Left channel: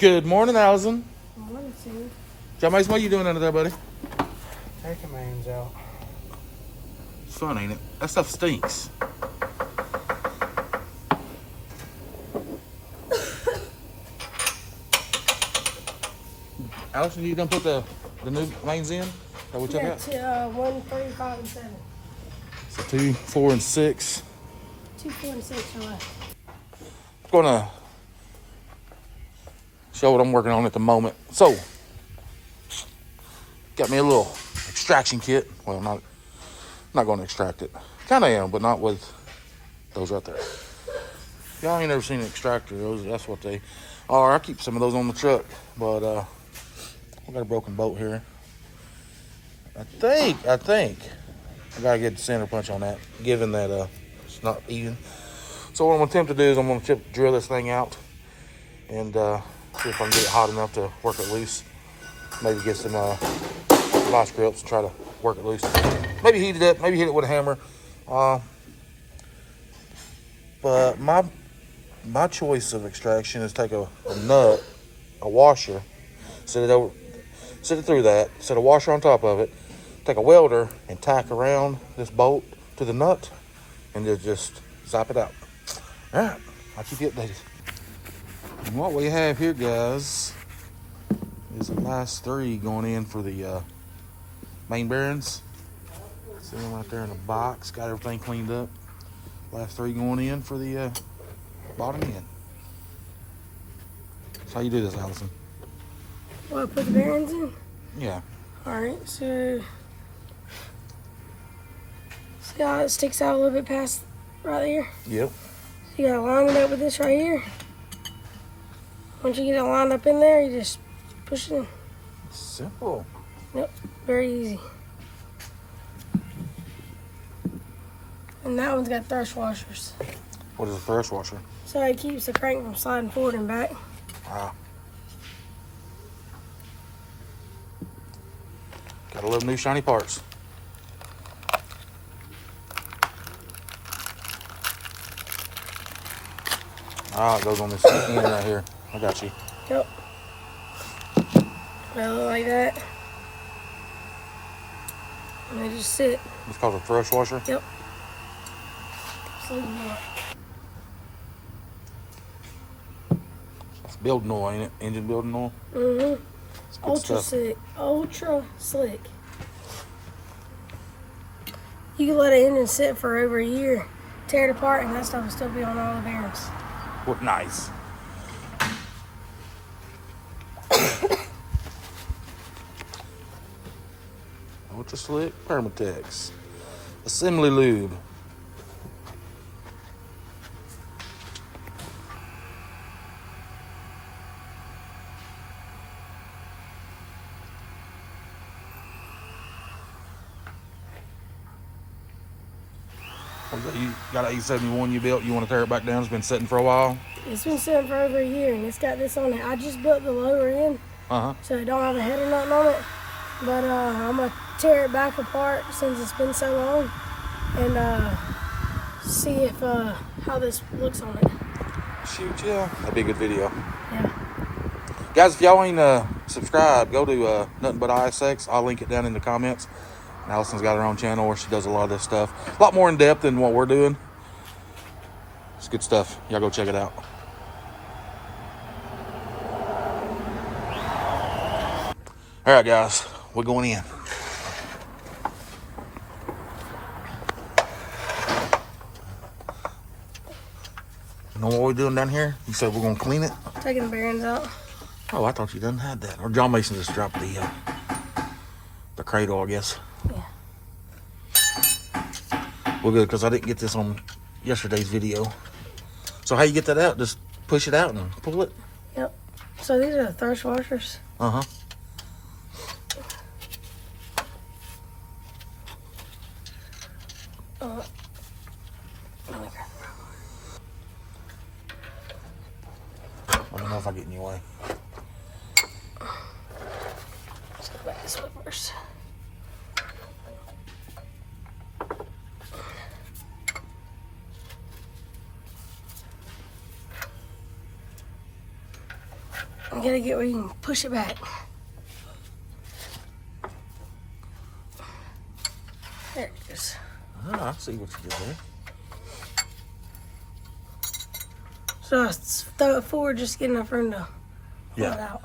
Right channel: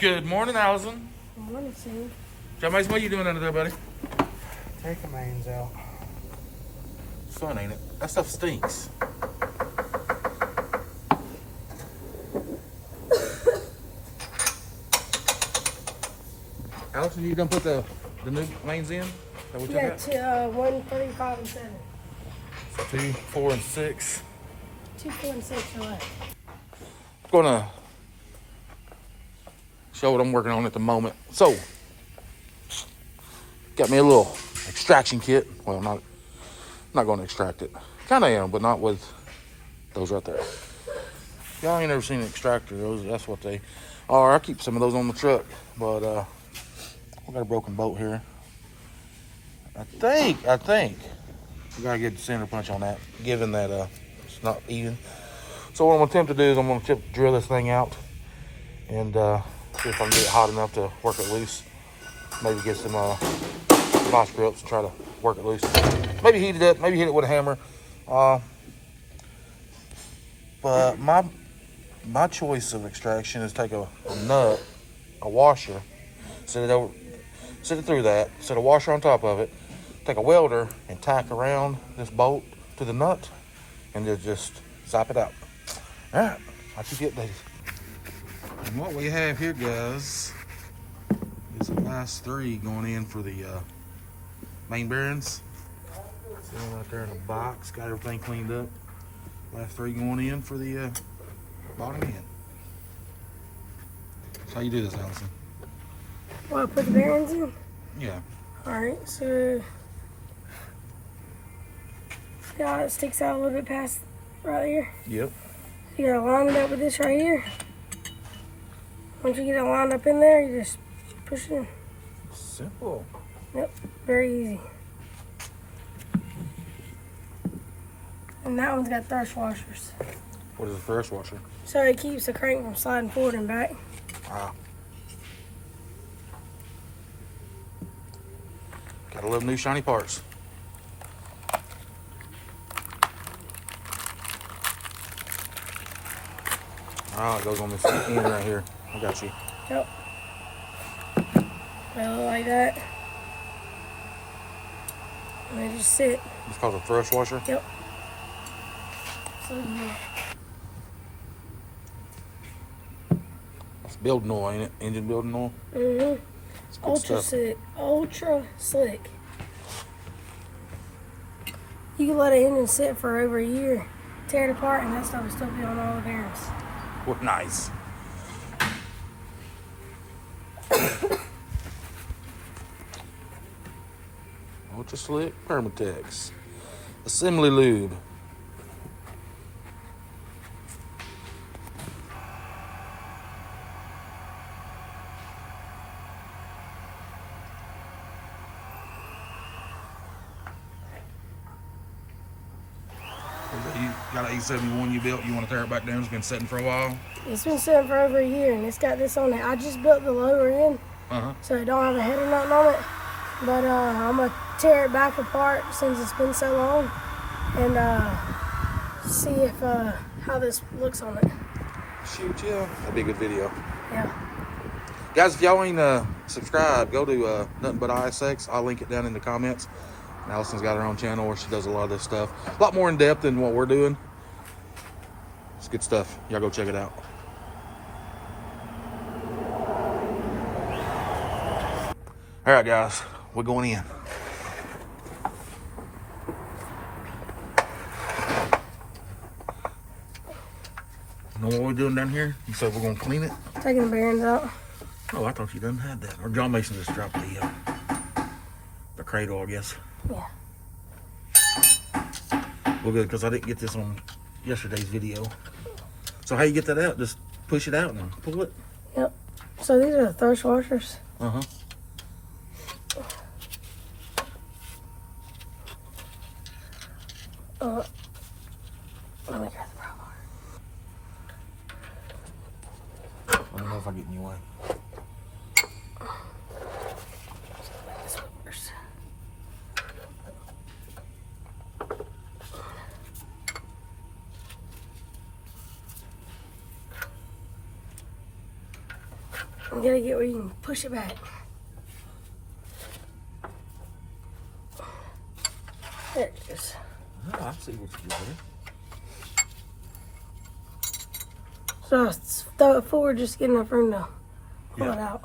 Good morning, Allison. Good morning, Sam. John Mason, what are you doing under there, buddy? Taking mains out. It's fun, ain't it? That stuff stinks. Allison, you done put the new mains in? That what you Yeah, got? to 1, 3, 5, and 7. So 2, 4, and 6. 2, 4, and 6 are left. I'm gonna show what I'm working on at the moment. So, got me a little extraction kit. Well, not going to extract it. Kind of am, but not with those right there. Y'all ain't never seen an extractor. That's what they are. I keep some of those on the truck, but we got a broken bolt here. I think I gotta get the center punch on that, given that it's not even. So what I'm gonna attempt to do is I'm gonna drill this thing out and see if I can get it hot enough to work it loose. Maybe get some vice grips and try to work it loose. Maybe heat it up, maybe hit it with a hammer. But my choice of extraction is take a nut, a washer, set it through that, set a washer on top of it, take a welder and tack around this bolt to the nut and just zap it out. All right, I'll keep you updated. And what we have here, guys, is the last 3 going in for the main bearings. Sitting right there in the box, got everything cleaned up. Last 3 going in for the bottom end. How you do this, Allison? Well, put the bearings in? Yeah. Alright, so see how it sticks out a little bit past right there? Yep. You gotta line it up with this right here. Once you get it lined up in there, you just push it in. Simple. Yep, very easy. And that one's got thrust washers. What is a thrust washer? So it keeps the crank from sliding forward and back. Ah. Gotta love new shiny parts. Ah, it goes on this end right here. I got you. Yep. Go like that. And they just sit. It's called a thrust washer? Yep. So yeah. It's building oil, ain't it? Engine building oil? Mm-hmm. It's good Ultra stuff. slick. Ultra slick. You can let an engine sit for over a year, tear it apart, and that stuff will still be on all the bearings. What nice. Ultra slick Permatex. Assembly lube. You got an A71 you built, you want to tear it back down, it's been sitting for a while? It's been sitting for over a year, and it's got this on it. I just built the lower end, so it don't have a head or nothing on it. But I'm going to tear it back apart since it's been so long and see if how this looks on it. Shoot, yeah. That'd be a good video. Yeah. Guys, if y'all ain't subscribed, go to Nothing But ISX. I'll link it down in the comments. And Allison's got her own channel where she does a lot of this stuff. A lot more in depth than what we're doing. It's good stuff. Y'all go check it out. All right, guys. We're going in. You know what we're doing down here? You said we're going to clean it? Taking the bearings out. Oh, I thought you done had that. Or John Mason just dropped the cradle, I guess. Yeah. Well, good, because I didn't get this on yesterday's video. So how you get that out? Just push it out and pull it? Yep. So these are the thrust washers. Uh-huh. Let me grab I don't know if I get in your way. Let's go back this way first. I gotta get where you can push it back. There it is. Oh, I see what you did there. So I throw it forward, just get enough room to pull it out.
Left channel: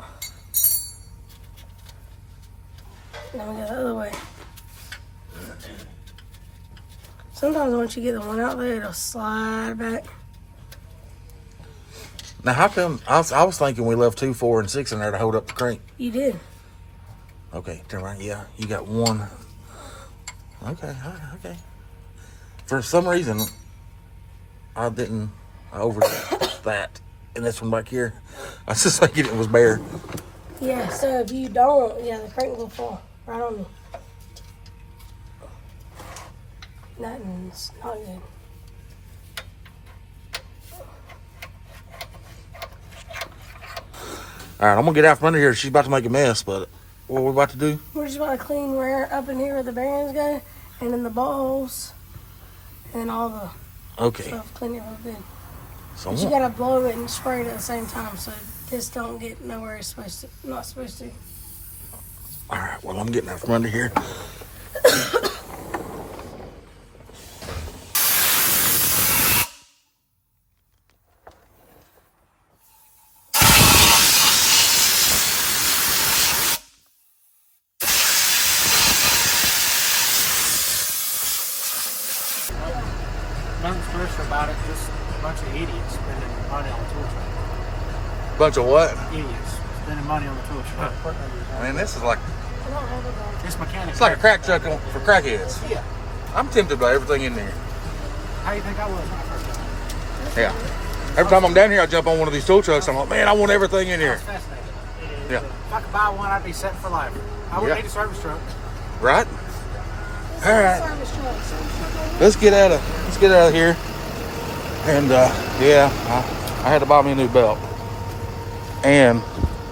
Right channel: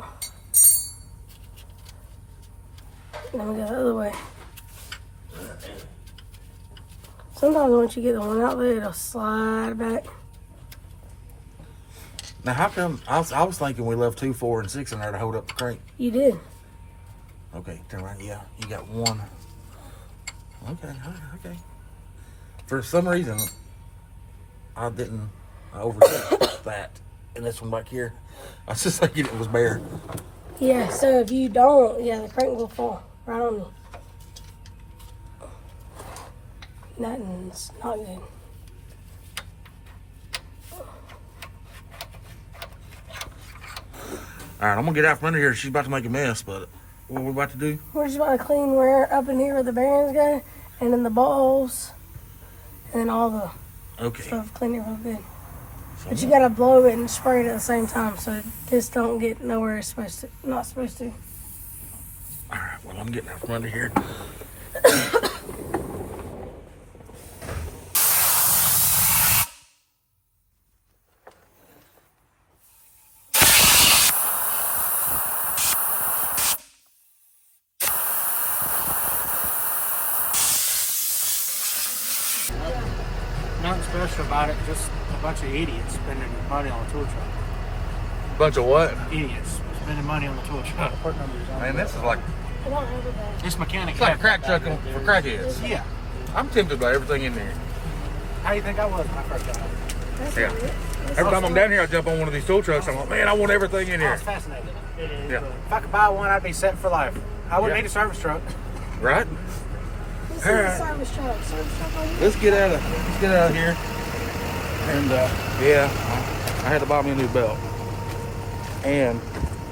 Then we go the other way. Sometimes once you get the one out there, it'll slide back. Now, how come? I was thinking we left 2, 4, and 6 in there to hold up the crank. You did. Okay, turn right. Yeah, you got one. Okay, all right, okay. For some reason, I overlooked that. And this one back here, I was just thinking it was bare. Yeah, so if you don't, the crank will fall right on you. Nothing's not good. All right, I'm gonna get out from under here. She's about to make a mess, but what we're about to do? We're just about to clean where up in here where the bearings go, and then the balls, and then all the stuff, clean it real good. So But you gotta blow it and spray it at the same time, so this don't get nowhere it's not supposed to. All right, well, I'm getting out from under here. Nothing special about it, just a bunch of idiots spending money on the tool truck. Bunch of what? Idiots spending money on the tool truck. Man, this is like This mechanic. it's like a crack truck for crackheads. Yeah. I'm tempted by everything in there. How do you think I was when I first got it? Yeah. Every time I'm down here, I jump on one of these tool trucks. I'm like, man, I want everything in I here. was fascinated. Yeah. If I could buy one, I'd be set for life. I wouldn't need a service truck. Right? All right. Let's get out of here. And yeah, I had to buy me a new belt and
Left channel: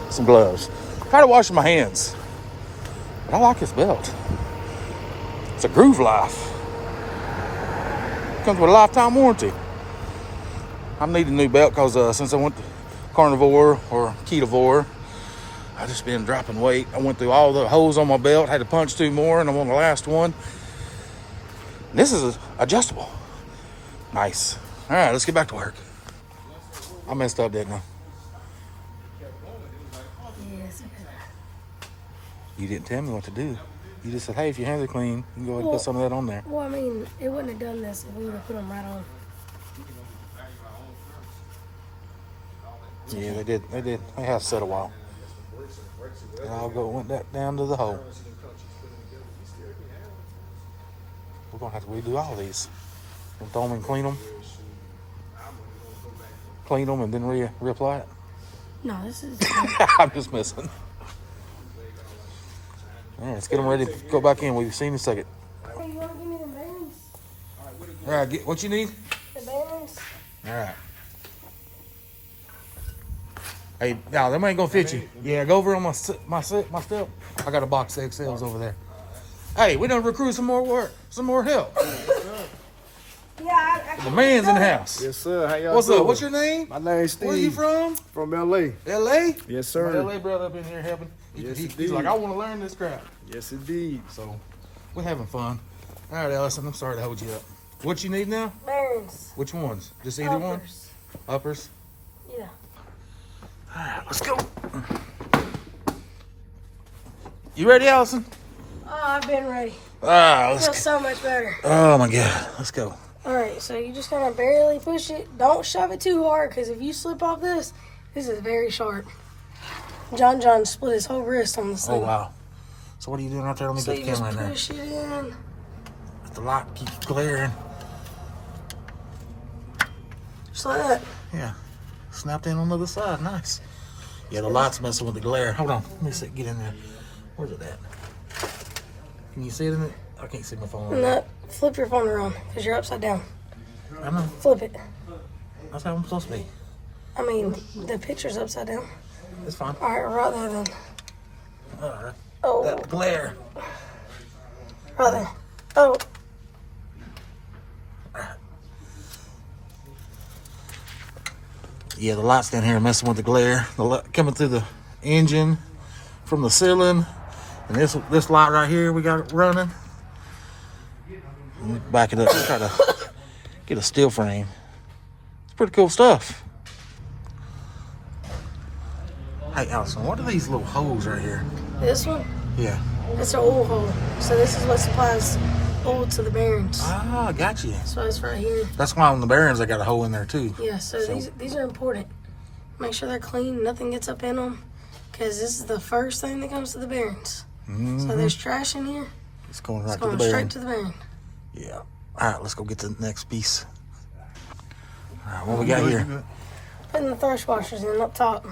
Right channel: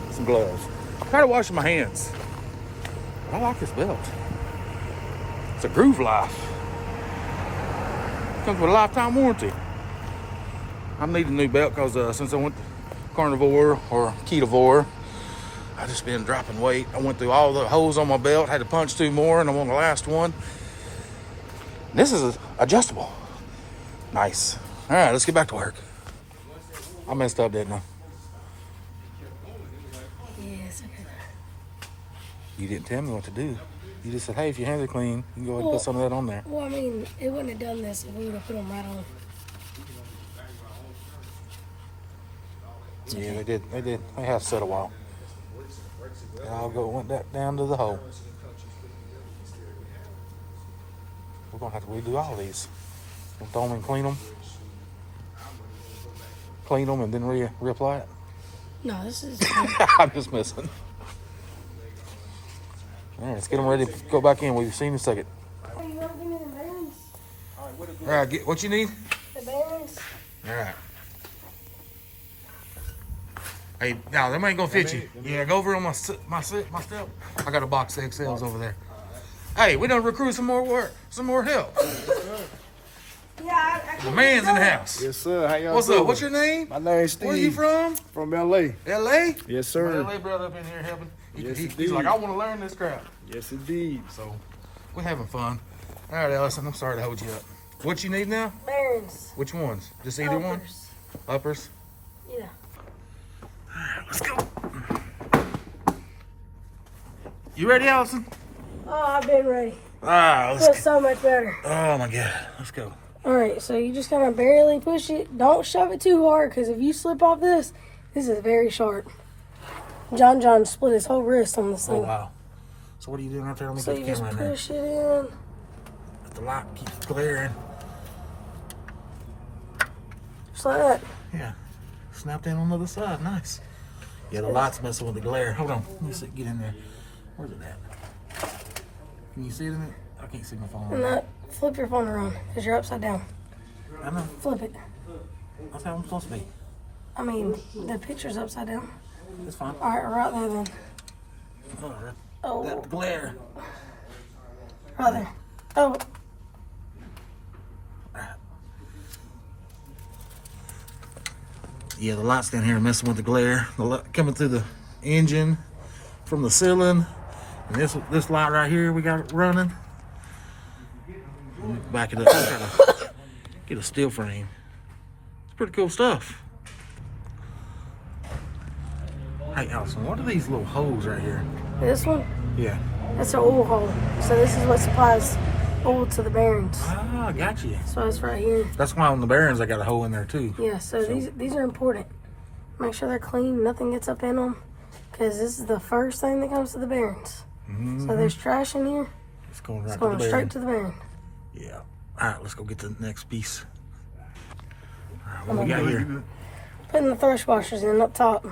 some gloves. I'm tired of washing my hands, but I like this belt. It's a Groove Life. Comes with a lifetime warranty. I need a new belt because since I went to carnivore or ketovore, I just been dropping weight. I went through all the holes on my belt, had to punch 2 more, and I'm on the last one. This is adjustable. Nice. All right, let's get back to work. I messed up, didn't I? Yes, okay. You didn't tell me what to do. You just said, hey, if your hands are clean, you can go ahead and put some of that on there. Well, I mean, it wouldn't have done this if we would have put them right on. Yeah, they did. They have to set a while. And went back down to the hole. We're gonna have to redo all these. And throw them and clean them. Clean them and then reapply it. No, this is. I'm just messing. All right, let's get them ready to go back in. We've seen in a second. Hey, you want to give me the bearings? All right, get what you need. The bearings? All right. Hey, now them ain't gonna fit you. Yeah, go over on my step. I got a box of XLs over there. Hey, we done recruit some more work, some more help. Yeah, The man's in the house. Yes, sir. How y'all What's doing? up? What's your name? My name's Steve. Where you from? From L.A. L.A. Yes, My sir. LA brother up in here helping. Yes, He's indeed. like, I want to learn this crap. Yes, indeed. So we're having fun. All right, Allison, I'm sorry to hold you up. What you need now? bearings. Which ones? Just either one? Uppers. Uppers? Yeah. All right, let's go. You ready, Allison? Oh, I've been ready. Ah, Feels so much better. Oh my God, let's go. All right, so you just kind of barely push it. Don't shove it too hard, because if you slip off this is very sharp. John split his whole wrist on this Oh thing. wow. So what are you doing out there? Let me So get you the just camera in there. push it in. Let the light keep glaring. Just like that. Yeah. Snapped in on the other side. Nice. Yeah, the light's messing with the glare. Hold on. Let me see. Get in there. Where's it at? Can you see it in it? I can't see my phone. Right now. No, flip your phone around, because you're upside down. I know. Flip it. That's how I'm supposed to be. I mean, the picture's upside down. It's fine. All right, right there then. All right. Oh, That glare. right there. Oh, Yeah, the lights down here are messing with the glare. The light coming through the engine from the ceiling. And this light right here, we got it running. Back it up. Try to get a steel frame. It's pretty cool stuff. Hey, Allison, what are these little holes right here? This one? Yeah. That's an oil hole. So this is what supplies oil to the bearings. Ah, got you. So it's right here. That's why on the bearings I got a hole in there too. Yeah, so these are important. Make sure they're clean, nothing gets up in them, because this is the first thing that comes to the bearings. So there's trash in here. It's going right It's going to the bearing. straight to the bearing. Yeah. All right, let's go get the next piece. All right, what we got here? Putting the thrust washers in up top.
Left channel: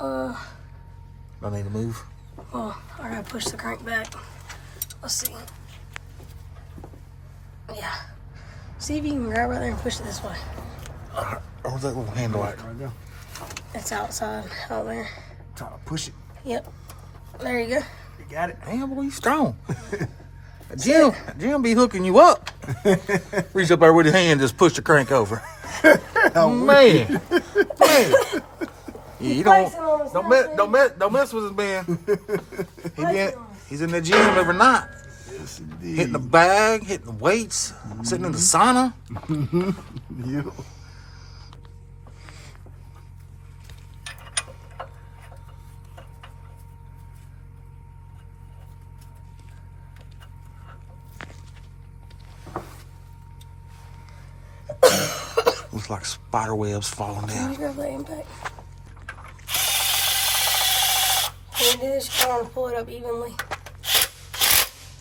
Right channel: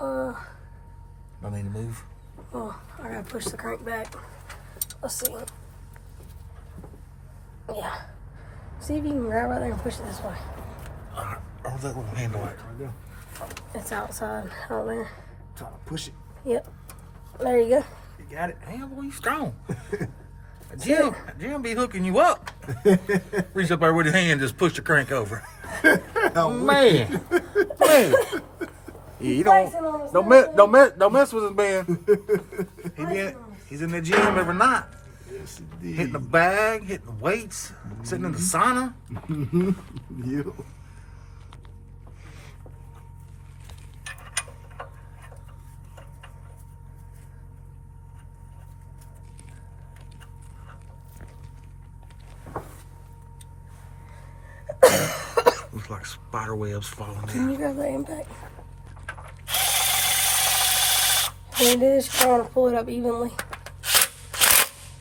Don't need to move. Well, I gotta push the crank back. Let's see. Yeah. See if you can grab right there and push it this way. Where's that little handle at? Right there. It's outside, out there. Push it. Yep. There you go. You got it. Damn, boy, you strong. Jim be hooking you up. Reach up there with his hand, just push the crank over. Man. Yeah, you don't mess with his man. He's in the gym every night. Yes, indeed. Hitting the bag, hitting the weights, sitting in the sauna. Yep. Looks like spider webs falling Can down. you grab that impact? When you do this, you want to pull it up evenly.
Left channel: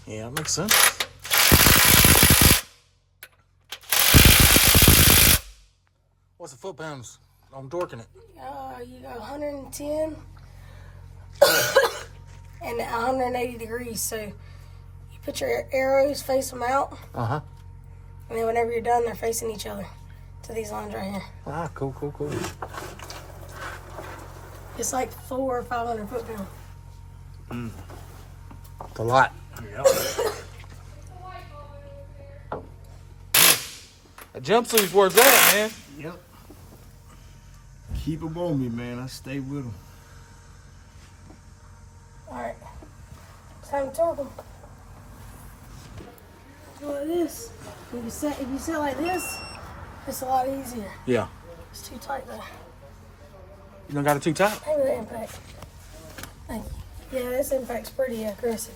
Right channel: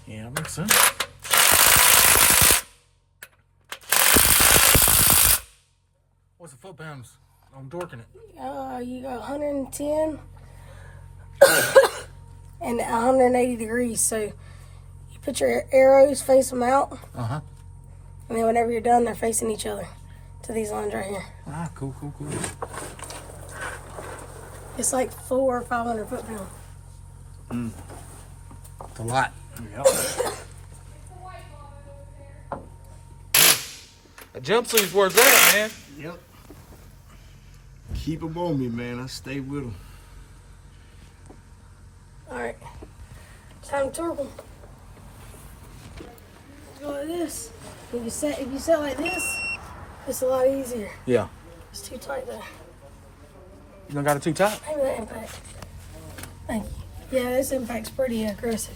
Yeah, that makes sense. What's the foot pounds? I'm torquing it. You got 110 and 180 degrees. So you put your arrows, face them out, Uh-huh. and then whenever you're done, they're facing each other to these lines right here. Ah, cool. It's like 400 or 500 foot pound. It's a lot. Yep. A jumpsuit's worth that, man. Yep. Keep them on me, man. I stay with them. All right, time to torque them. Go like this. If you set like this, it's a lot easier. Yeah. It's too tight there. You don't got it too tight? Maybe the impact. Thank you. Yeah, this impact's pretty aggressive.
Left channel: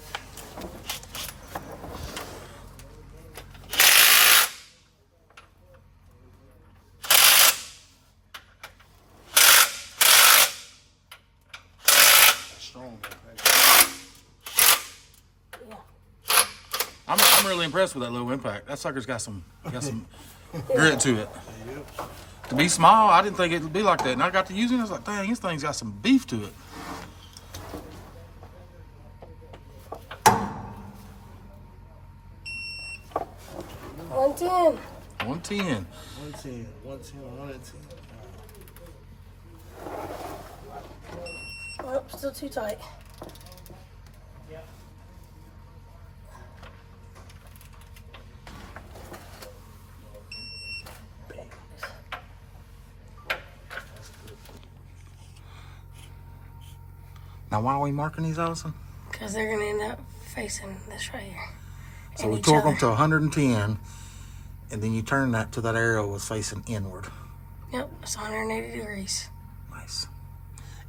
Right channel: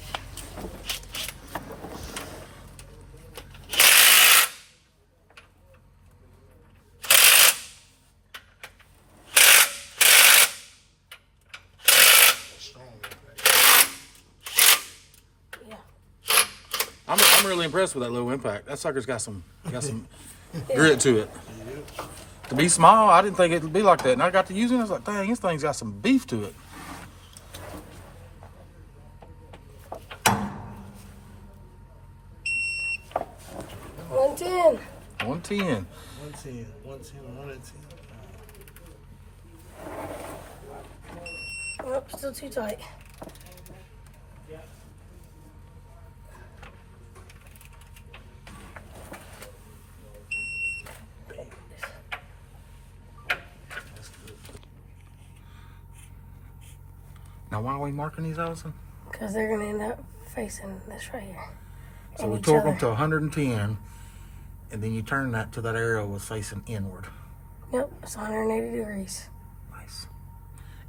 Yeah. I'm really impressed with that low impact. That sucker's got some grit to it. To be small, I didn't think it'd be like that. And I got to using it, I was like, dang, this thing's got some beef to it. $110. 110. 110. Oh, still too tight. Now, why are we marking these, Allison? Because they're going to end up facing this right here. So and we each torque other. them to 110, and then you turn that to that arrow was facing inward. Yep, it's 180 degrees. Nice.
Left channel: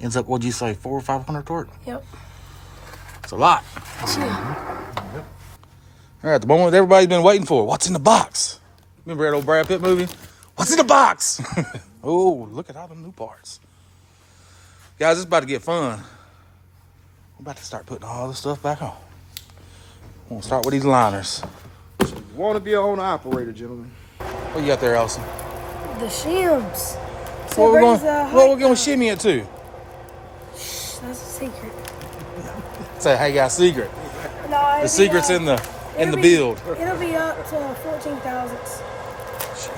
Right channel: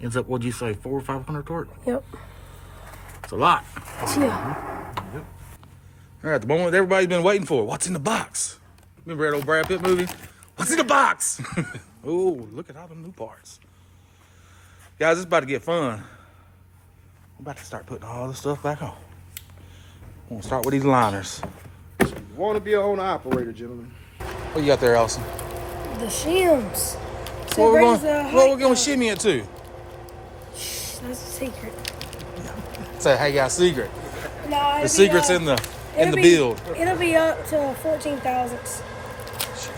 Ends up, what'd you say, 400 or 500 torque? Yep. It's a lot. Yeah. All right, the moment everybody's been waiting for. What's in the box? Remember that old Brad Pitt movie? What's in the box? Oh, look at all the new parts. Guys, it's about to get fun. I'm about to start putting all this stuff back on. I'm gonna start with these liners. You want to be a Hohn operator, gentlemen. What you got there, Allison? The shims. So What it we're brings going, the what height we're going to up. shimmy it to? That's a secret. It's a Haggai secret. No, The secret's in the build. It'll be up to 14 thousandths.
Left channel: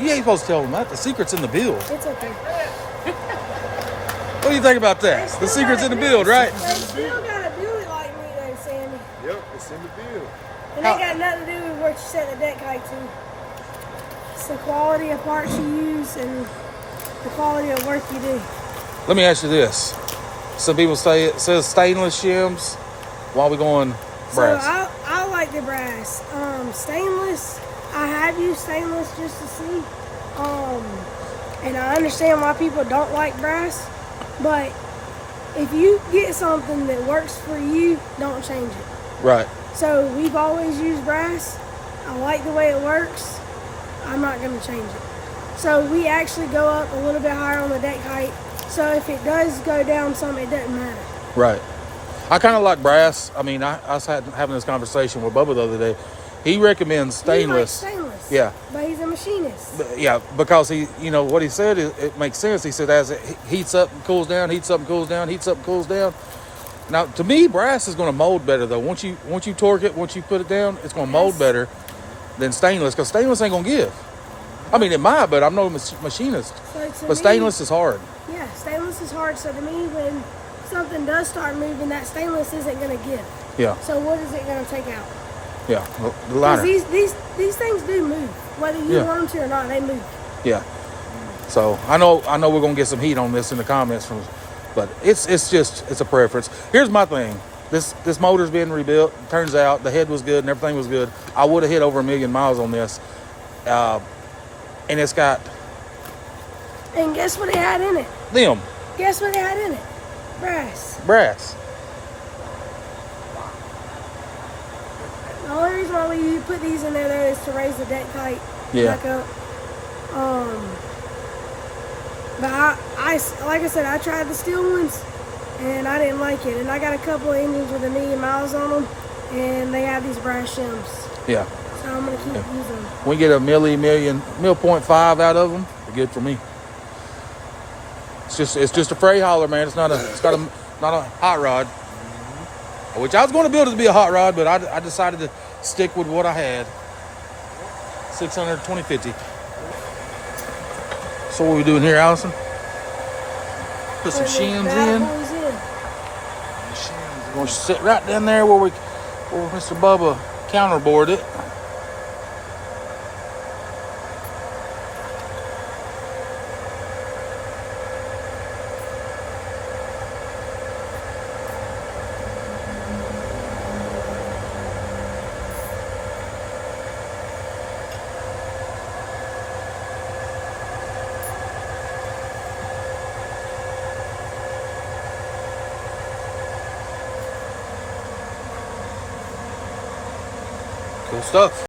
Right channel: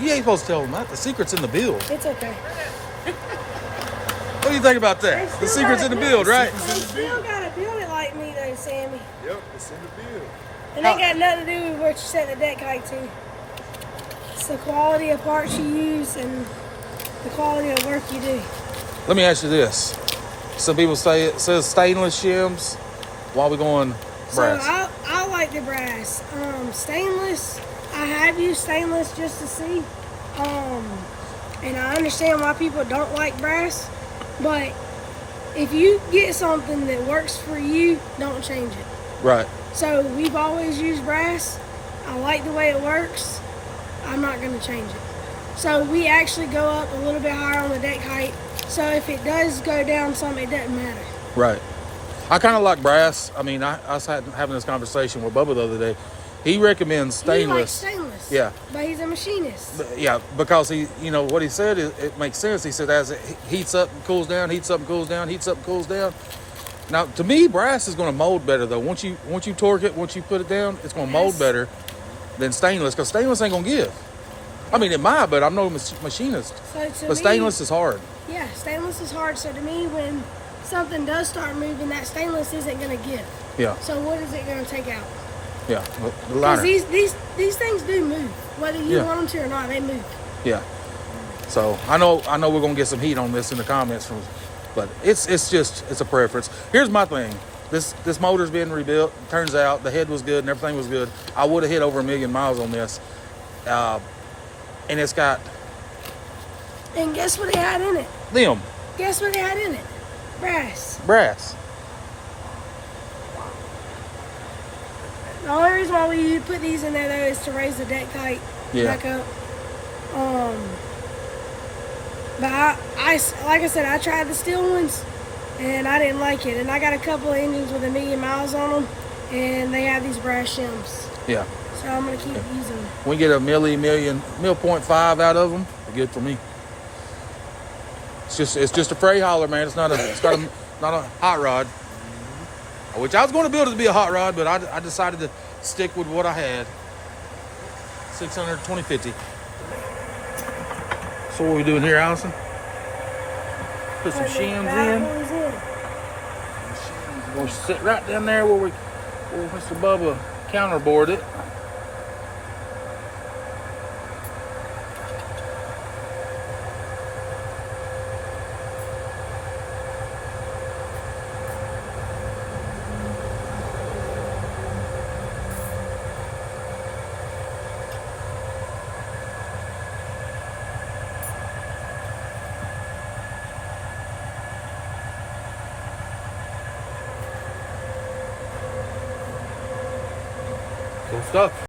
You ain't supposed to tell them that. The secret's in the build. It's okay. What do you think about that? The secret's in the build, right? They still gotta build it like me though, Sammy. Yep, it's in the build. And they got nothing to do with what you set the deck height to. It's the quality of parts you use and the quality of work you do. Let me ask you this. Some people say it says stainless shims. Why are we going brass? So I like the brass. Stainless, I have used stainless just to see. And I understand why people don't like brass. But if you get something that works for you, don't change it. Right. So we've always used brass. I like the way it works. I'm not going to change it. So we actually go up a little bit higher on the deck height. So if it does go down some, it doesn't matter. Right. I kind of like brass. I mean, I was having this conversation with Bubba the other day. He recommends stainless. He likes stainless. Yeah. But he's a machinist. Yeah, because he, you know, what he said, it makes sense. He said as it heats up and cools down, heats up and cools down, heats up and cools down. Now, to me, brass is going to mold better, though. Once you torque it, once you put it down, it's going to mold better than stainless, because stainless ain't going to give. I mean, it might, but I'm no machinist. But stainless is hard. Yeah, stainless is hard. So to me, when something does start moving, that stainless isn't going to give. Yeah. So what is it going to take out? Yeah, the liner. Because these things do move. Whether you want them to or not, they move. Yeah. So I know we're going to get some heat on this in the comments, but it's a preference. Here's my thing. This motor's been rebuilt. Turns out the head was good and everything was good. I would have hit over 1 million miles on this. And it's got... And guess what it had in it? Them. Guess what it had in it? Brass. Brass. The only reason why we put these in there, though, is to raise the deck height back up. But I, like I said, I tried the steel ones, and I didn't like it. And I got a couple of engines with 1 million miles on them, and they have these brass shims. Yeah. So I'm going to keep using them. We get a mil.5 out of them. They're good for me. It's just a freight hauler, man. It's not a hot rod. Which I was going to build it to be a hot rod, but I decided to stick with what I had. 600/2050. So what are we doing here, Allison? Put some shims in. We're going to sit right down there where Mr. Bubba counterboard it. Cool stuff.